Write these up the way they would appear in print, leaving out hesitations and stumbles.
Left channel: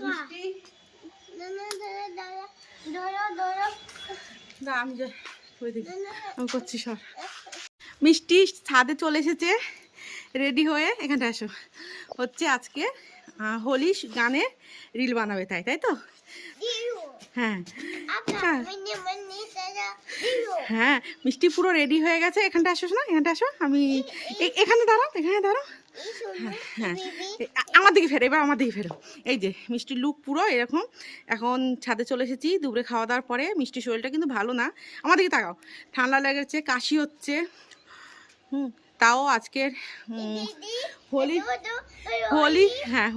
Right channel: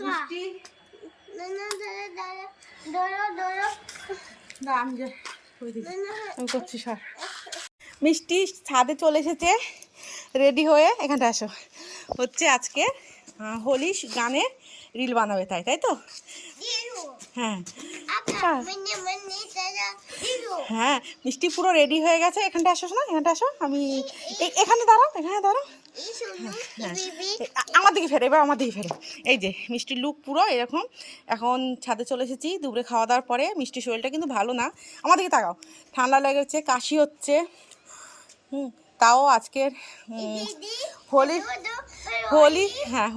মিষ্টি আমি করছি সব। মিষ্টি ছাদে চলে এসেছে রেডি হয়ে। এখানটা আসো, হচ্ছে আজকে হোলি গানে রিল বানাবে, তাই তাই তো? হ্যাঁ হ্যাঁ, মিষ্টি পুরো রেডি হয়ে গেছে। এখানটা আসো না, এখানটা আসো। আমি এখানে দাঁড়াও, এখানে দাঁড়াও। হ্যাঁ, আমার দিকে ফেরো, এবার আমার দিকে ফেরো। এই যে মিষ্টির লুক পুরো এরকম। এখন ছাদে চলে এসেছি দুপুরে খাওয়া দাওয়ার পরে। মিষ্টির শরীরটা কিন্তু ভালো না, আমার দিকে তাকাও। ঠান্ডা লেগেছে, কাশি হচ্ছে। তাও আজকের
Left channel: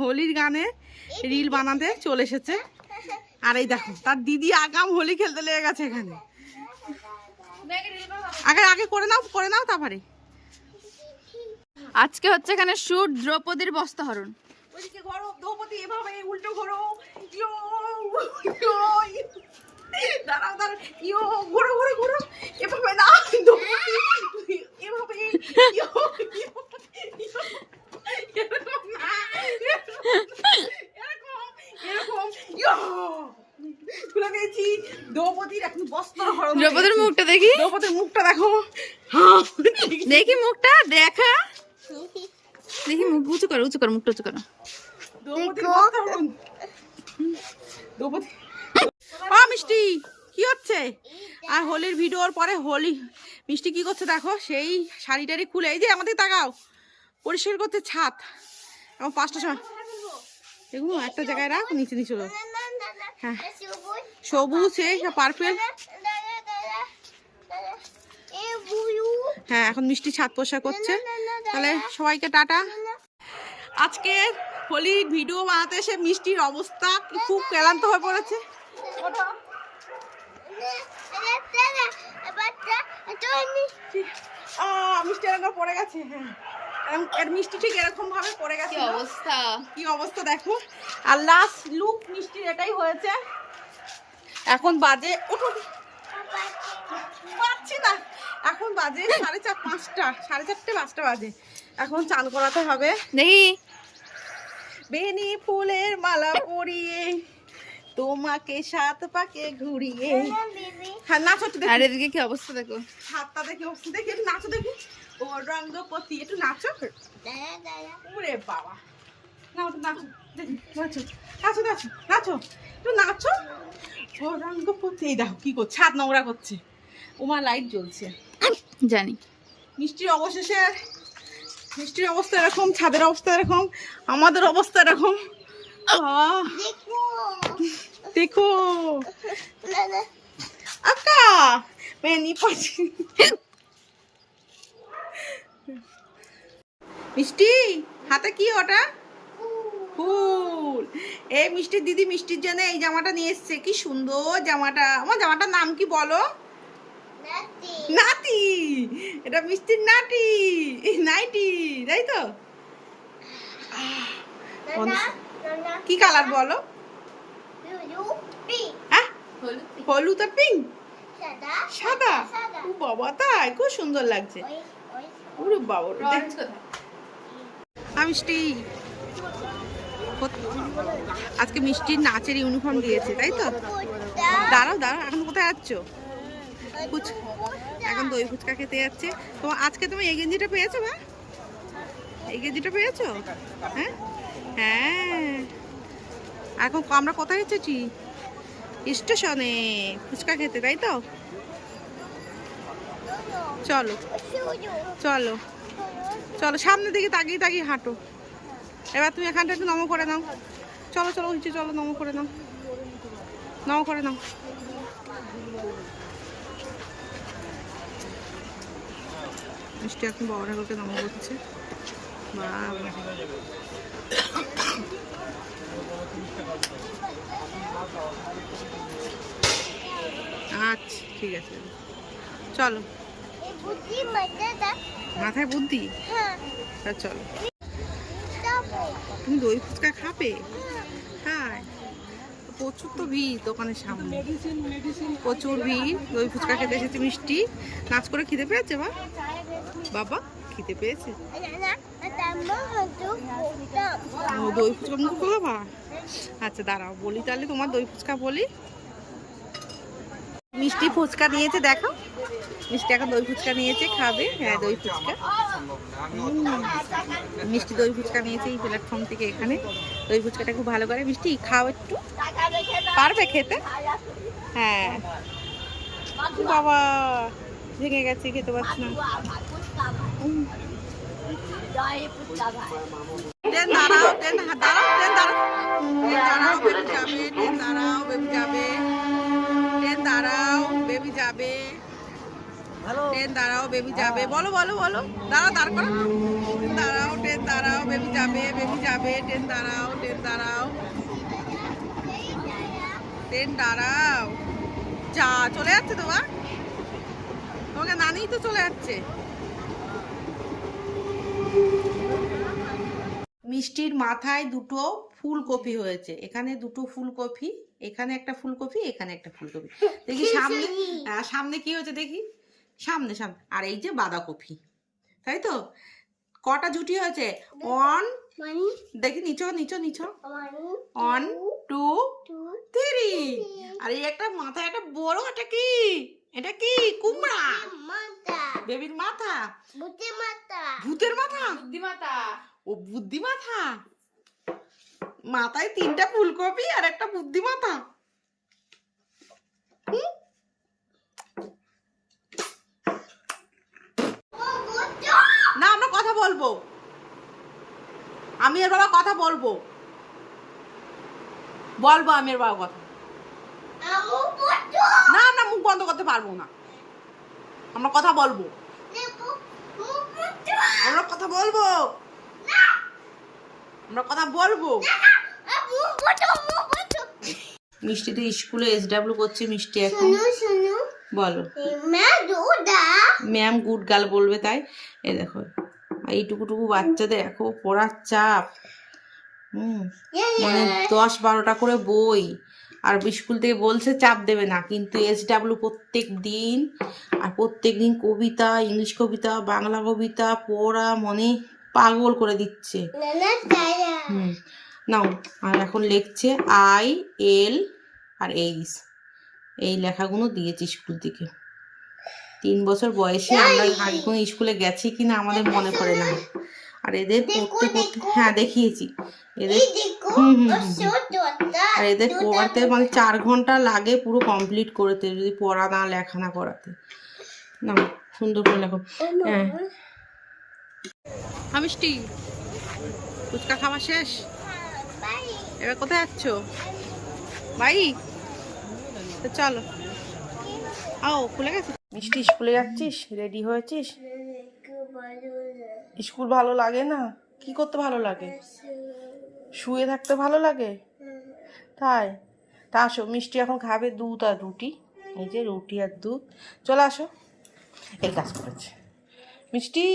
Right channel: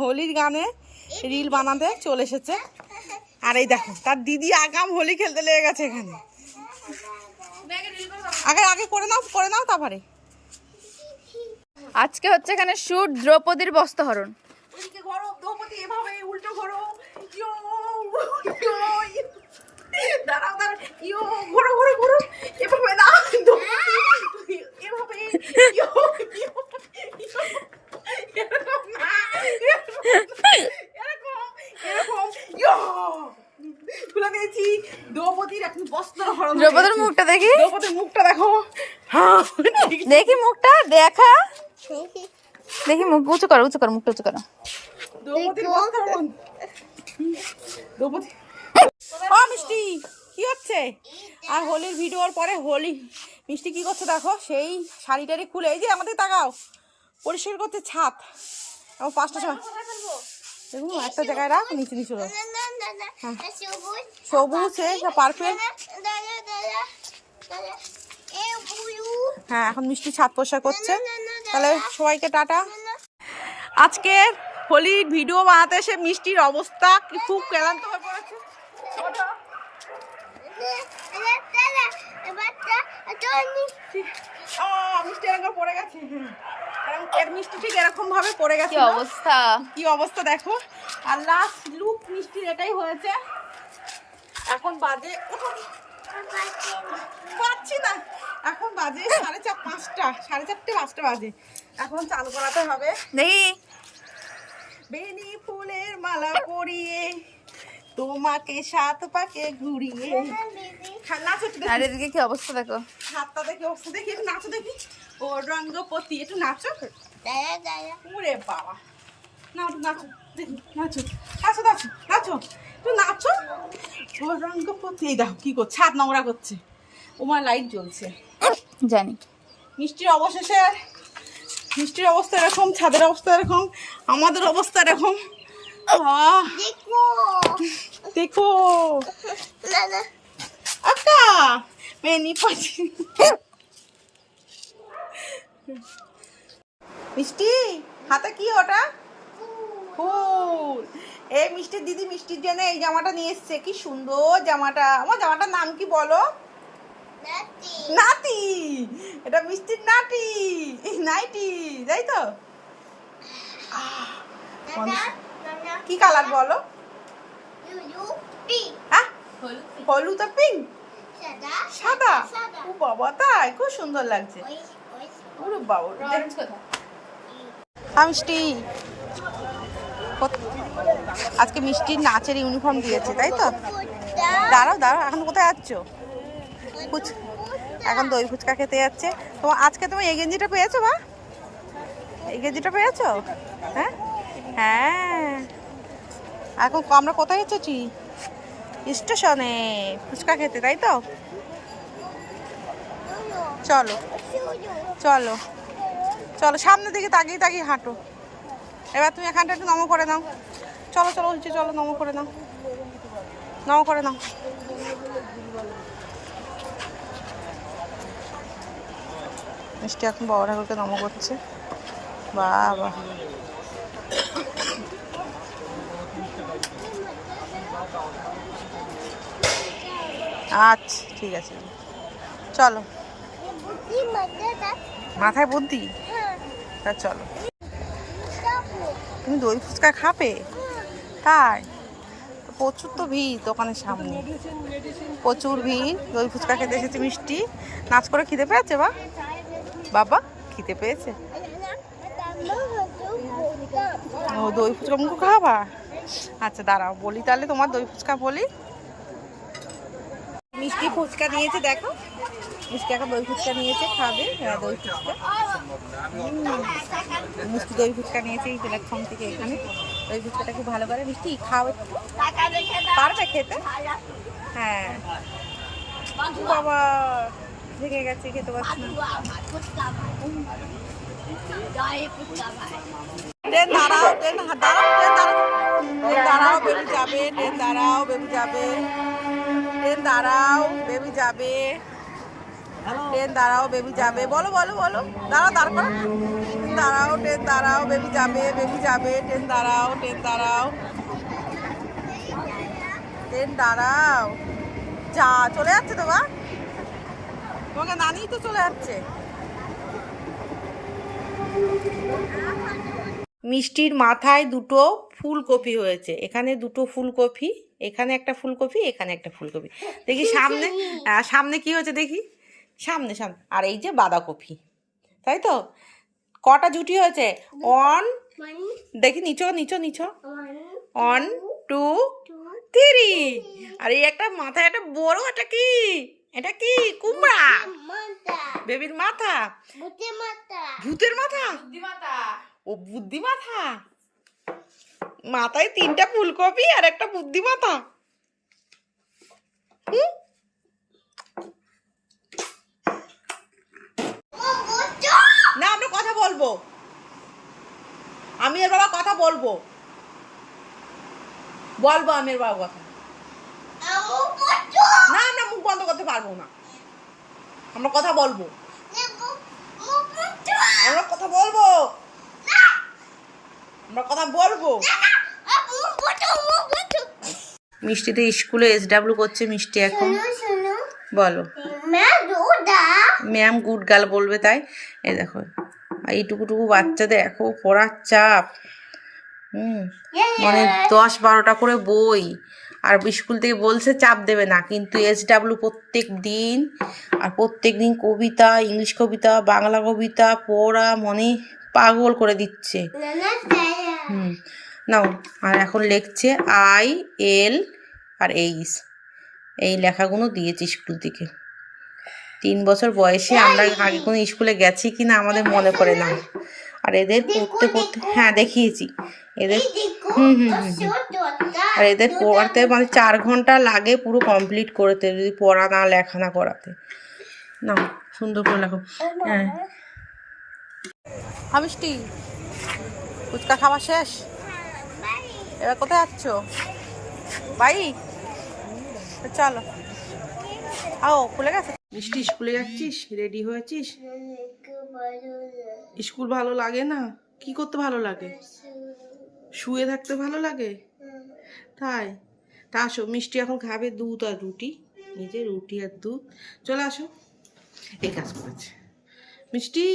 হোলির গানে রিল বানাতে চলে এসেছে। আর এই দেখো তার দিদি আগাম হোলি খেলতে লেগে গেছে এখানে। আগে করে নাও তারপরে। আজকে হচ্ছে এখানে শুট দ্রৌপদীর বস্ত্রহরণ। দ্রৌপদী এভাবে উল্টো ঘোরো, দাঁড়াও ঘোরো এভাবে না, এভাবে খুলে দিয়েছি দ্রৌপদীর। এখন বস্ত্রহরণ। দ্রৌপদীর মুখটা দেখি, দ্রৌপদীর মুখটা দেখো। দেখি মুখটা দেখা, দেখি মুখ উঁচু করো, মুখটা উঁচু করো। ও মিষ্টি কি হচ্ছে? আর হোলির ভিডিওর পরে মিষ্টি কি করছে দেখো, সেই শাড়ি টাড়ি খুলে, এই যে আমাদের তাকাও, পরিষ্কার করতে ছাদ। এবং 5টা সময় এগুলো একটা জায়গায় রাখ, নিচে হ্যাঁ, সবুজ পার্পেল। হ্যাঁ, এখন মিষ্টি ছাদ পরিষ্কার করছে। তাহলে সবাইকে টাটা। আজকে হোলির ভিডিও বানাতে এসে মিষ্টির অবস্থা খুব ক্লান্ত হয়ে পড়েছে। মিষ্টি এরকম পড়ে গেছে। এর মিষ্টি ঠিক এরকম ভাবে পড়ে গেছে। কি অবস্থা দেখো। আর লাস্ট লুক মিষ্টির এটাই হয়েছে। এখন বাজে পাচ্ছি না, এখন বাজে 4:30 5টা, 4:30 5টা বাজে। এখন চান করাতে হবে। দেখি বেনি ফুলের মালা পরিয়ে তোমাকে 7 পাকে ঘুরিয়ে। হ্যাঁ নাচো তো, আর এদিকে কি অবস্থা দেখো, হাতটা দেখি, অবস্থা দেখি, একটু নাচো দেখি। ও রঙ্গপতি, একটু নাচো। ওরে বাবা, নাচো দেখি, নাচো একটু নাচো। ও রঙ্গপতি, এই দেখো কি করছে, ছাদ নোংরা করছে। ওমার লাইট জ্বলছে জানি। মিষ্টির অবস্থা এরকম, ছাদের অবস্থা এরকম, আমাদের অবস্থা এরকম। দেখো আক্কা মিষ্টি হাতে কি ওটা? ফুল। এই মিষ্টির দিদি মিষ্টির জন্য এই জামাটা নিয়ে এসছে। কি সুন্দর জামাটা। আমার জামাটার নাম কি বলো? নাতি। এটা মিষ্টির নাইটি, তাই তো? কি কালার বলো? হলুদ আর পিঙ্ক, সাদা। ও বাবা, তাই খুব সুন্দর লাগছে। ওরে বাবা, মিষ্টি আজকে মিষ্টির নাচের ইউনিফর্ম দিয়েছে, তাই তো? দাঁড়াও এখন কোথায় যাচ্ছ? এখন দই ফুচকা খেতে যাচ্ছে। আজকে তুমি এই গেঞ্জিটা পেয়েছো? বা এই গেঞ্জিটা পেয়েছো? হ্যাঁ, এখন আমরা কোথায় এসেছি? স্টেশনে ফুচকা খেতে, তাই তো? চলো সামনের দিকে তাকিয়ে হাঁটো। এবার তুমি এখানটা একটু নমো করে নাও। চলো নমো করে নাও। মিষ্টি এখন বাবা ঠাকুরকে নমো করছে। বাবা, আচ্ছা ঠিক আছে, চলো। মাথায় বুদ্ধি, তা চলো। তুমি দই ফুচকা খাবে? তাই প্রচুর তো ভিড় দোকানের সামনে, প্রচুর ভিড়। দই ফুচকা খেতে এসেছে মিষ্টি। নাচ করে খিদে পেয়েছে? বাবা খিদে পেয়েছে। ও দই ফুচকা মুখো খাবা? আচ্ছা দাঁড়াও বলি তাহলে, তোমার দই ফুচকা বলি। মিষ্টি ফুচকা নিয়েছে, দেখো মিষ্টি এখন দই ফুচকা নিয়েছে, খাবে। হ্যাঁ দই ফুচকা, মিষ্টি দই ফুচকা নিয়েছে এই প্ল্যাটফর্ম থেকে। এখানে দই ফুচকাটা খুব ভালো করে। মিষ্টি খাও একটু, পারবে খেতে? হ্যাঁ বাবা ভেঙে গেছে, খেতে পারছি না। ট্রেন দাঁড়াও, ট্রেন দাঁড়াও, ট্রেন দাঁড়াও, বেবি যাবে, ট্রেন দাঁড়াও, বেবি যাবে, ট্রেন দাঁড়াও, বেবি যাবে, ট্রেন দাঁড়াও, বেবি যাবে। বলো বলো বলো, দাঁড়াও, দাঁড় করো। ট্রেন দাঁড়াও, ট্রেন দাঁড়াও, বেবি যাবে, বেবি যাবে, ট্রেন দাঁড়াও, ট্রেন দাঁড়াও, ট্রেন দাঁড়াও। যা চলে যাচ্ছে তো বা, তোমাকে নানি তো চলে যাচ্ছে। মিষ্টির মাথায় দুটো ফুলকপি হয়েছে, এখানে দুটো ফুলকপি, এখানে একটা ফুলকপি, এখানে একটা ফুলকপি। দেখি সামনে, সামনে কি হয়েছে দেখি, সামনে সামনে। আর এই যে বাঁধাকপি, তাই তো? কটা জুটি হয়েছে? ওয়ান, দেখি নিচো নিচো নিচো, 1 2 3। আর এই একটা মাথায় একটা বড়, এটা কি? এটা কি? কুমড়া, বেবির মাথা, ভূতের মাথা, ও বুদ্ধি মাথা। মাথায় 3টা ফুলকপি আর একটা বুদ্ধি মাথা। না আমরা কথা বলবো, আমি এর বাবা কথা বলবো, বলবো আমি এর বাবা কথা। না আমরা মুখ বন্ধ করতে পারবো না, আমরা কথা বলবো, আমরা কথা বলবো, আমরা কথা বলবো। মিষ্টিতে স্কুলে SW করছে মিষ্টি এখন। বলো ম্যাম গুড গার্ল বলবে, তাই? এই দেখো এইটুকুটুকু বাচ্চাদের দেখো পড়ার চাপ, মানে 10-12টা করে বই। আর স্কুল থেকে বলছে চাপ দেবে না, কিন্তু SW প্রত্যেক দিন, আর প্রত্যেক দিন কবিতা, ইংলিশ কবিতা, বাংলা কবিতা পড়া, মানে পাগল করে দিচ্ছে। নাও, আর এখন লিখছে IL আর H, এই লেখাগুলো দিয়েছে স্কুল থেকে। 3 বছর বয়সে আমরা আগে কোনো স্কুলে গেছি কিনা আমাদের মনে পড়ে না। আর এদের পড়তে পড়তে, হ্যাঁ দেখিয়েছি এদের, আর এদের পড়াতে মানে 4 ঘন্টা লাগে পুরো কমপ্লিট করতে, যদি পড়া না লেখা না করাতে। না সুন্দর করে লেখো। হ্যাঁ মিষ্টি ফুচকা খাওয়া শেষ, এবার কোথায় যাচ্ছ? বাই, চলো। আও খুলে গেছে। মিষ্টি স্কুলে যাচ্ছিস? রেডি হয়েছিস? স্কুল ভালো লাগে না? কি করতে ভালো লাগে? শুয়ে থাকতে ভালো লাগে, তাই? তা আসো, মিষ্টি এখন খাবে দুধ আর রুটি, এই যে রুটি আর দুধ। চলে আসো, এই কাজ করেছে মিষ্টি।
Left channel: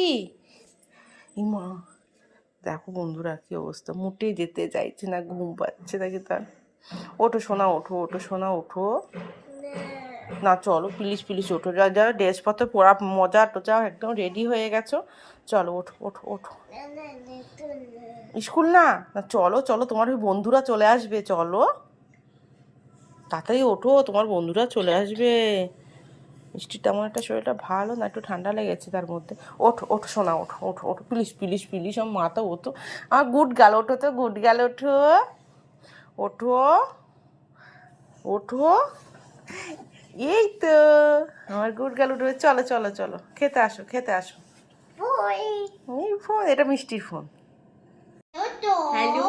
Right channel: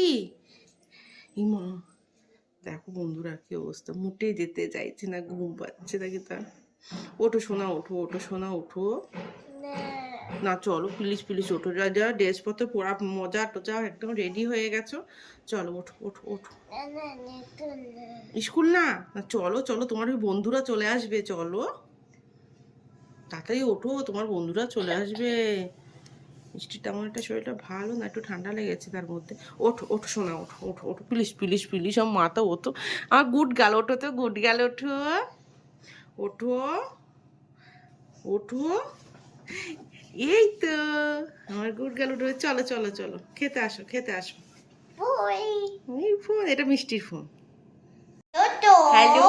ইমা দেখো বন্ধুরা কি অবস্থা, মুটেই যেতে চাইছে না, ঘুম পাচ্ছে নাকি তার। ওঠো সোনা, ওঠো ওঠো সোনা, ওঠো না, চলো প্লিজ প্লিজ ওঠো। যারা ড্রেসপত্র পরা মজা টোজা একদম রেডি হয়ে গেছো, চলো ওঠো ওঠো ওঠো। স্কুল না, চলো চলো, তোমার ওই বন্ধুরা চলে আসবে, চলো তাড়াতাড়ি ওঠো, তোমার বন্ধুরা চলে আসবে। মিষ্টির তেমন একটা শরীরটা ভালো না, একটু ঠান্ডা লেগেছে তার মধ্যে। ওঠো ওঠো সোনা, ওঠো ওঠো ওঠো প্লিজ প্লিজ প্লিজ, আমার মাথা ওঠো, আমার গুড গাল, ওঠো তো গুড গাল, ওঠো ওঠো ওঠো, এই তো আমার গুড গাল উঠবে। চলো চলো চলো, খেতে আসো খেতে আসো। এই ফোন, এটা মিষ্টির ফোন। হ্যালো,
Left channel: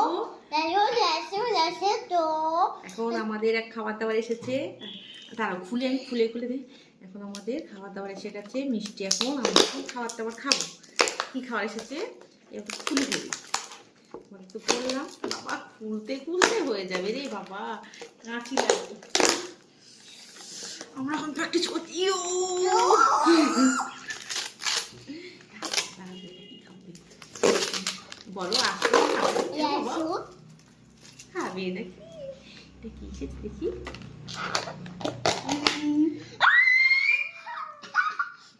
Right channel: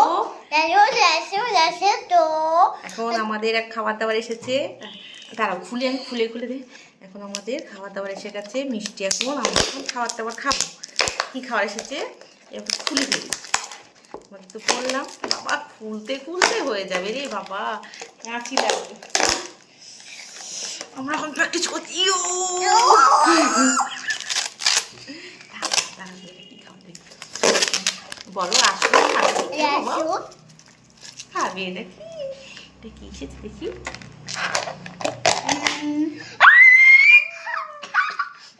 এখন আমাদের এক খাবার দাবার এসেছে, দাঁড়াও খুলে আমি খুলে খুলে দিই। এখন আমাদের খাবার দাবার এসে গেছে, মিষ্টি এখন আমরা এখন খাবার দাবার খাবো। কী খাবার এসেছে এবার খুলে ফেলি। মানে তো বললাম বাবা, খুলতে খুলতে হয়ে যাবে রে বাবা, কাঁচি লাগবে। আমরা এখন প্র্যাকটিস করছি। বলো আসো, খাবে নাকি? দেখি দেখি,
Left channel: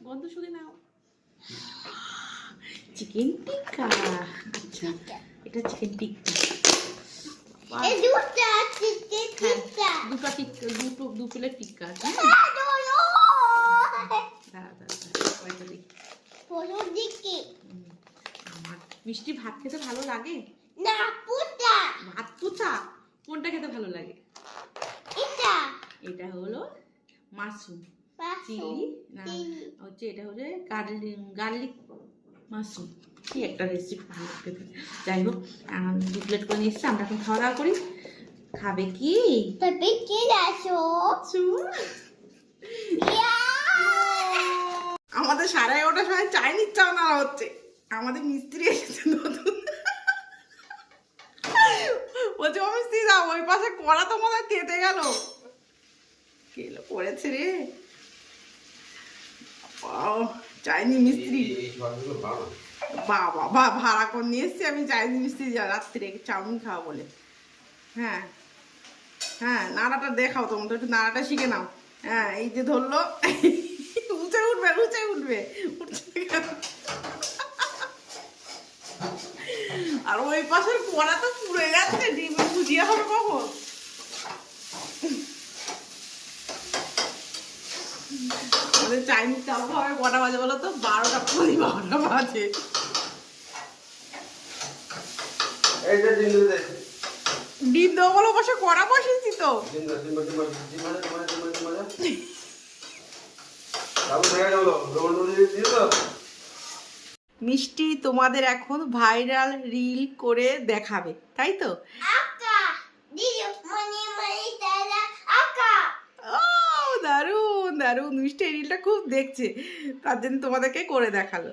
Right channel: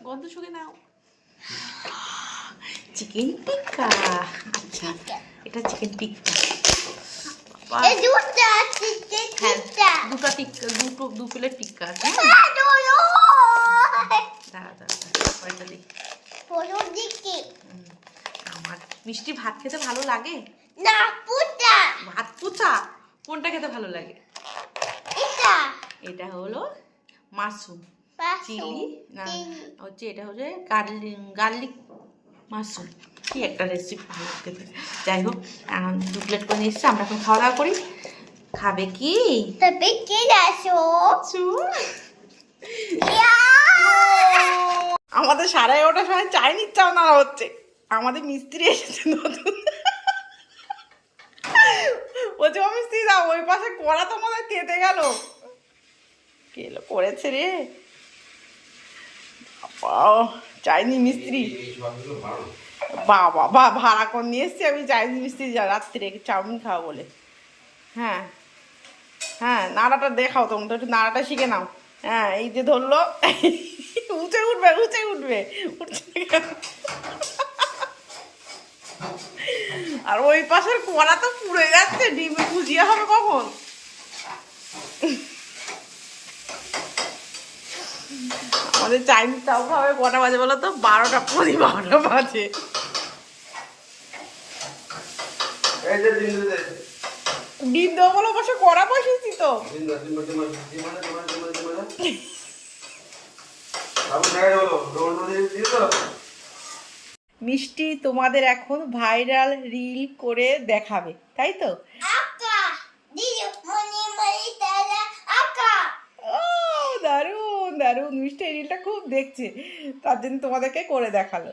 গন্ধ শুকে নাও। চিকেন টিক্কা, আচ্ছা এটা চিকেন টিক্কা। হ্যাঁ, দুটো টিক্কা, দু প্লেট টিক্কা আছে। দাঁড়া দাঁড়া দাঁড়া, কয়টা দিই। আমার মিষ্টি ভাত খেতে ভালো লাগে? ভাত পুচা কোনটা খেতে ভালো লাগে? এটা হলো মাশরুম চিলি, না হচ্ছে এটা হচ্ছে গার্লিক মাশরুম, কি একটা রেসিপি ভালো খেতে। যাই হোক, 2 প্লেট করে নিয়ে এসছি, আমরা এখন খাওয়া দাওয়া করি। খাবে কি? আমাদের 11:30টার সময় চাইনিজ চাও নাড়া হচ্ছে। আমাদের মিস্ত্রি এসেছে নতুন, বলছে ও মিস্ত্রি যাও, ওই পাশে কড়া তো মনে হয় তেতে গেল। কেলো করেছে রে চাইনিজ মিস্ত্রি। বাবা বা ভাড়া করে নিয়ে এসছি আমি চাইনিজ মিস্ত্রি, রাত্রে চাউমিন খাওয়া বলে। হ্যাঁ হ্যাঁ, নাড়াটা দেখাও, তোমরা তো একটু নাড়াটা শিখে নাও। হ্যাঁ, এই যে ধরলো, উঠে উঠবে উঠে উঠবে, উঠছে না কেন? আর ওই পাশের কড়া তো পুড়ে যাচ্ছে, ডিমে ভুজিয়া হবে কখন? আমাদের চাইনিজ তাও খাবে কটা বাজে বলো তো? 12টা 12টা বাজে। ডিম দেবো বলো, বসে কড়া বসেছি তো। মিষ্টি তোমাদের এখন ভাইরাল রিল করে দেখাবে, তাই তো? ও দারুণ দারুণ, মিষ্টি এই রিলটা খুব দেখছে, তার জন্য তোমাদেরকে করে দেখালো।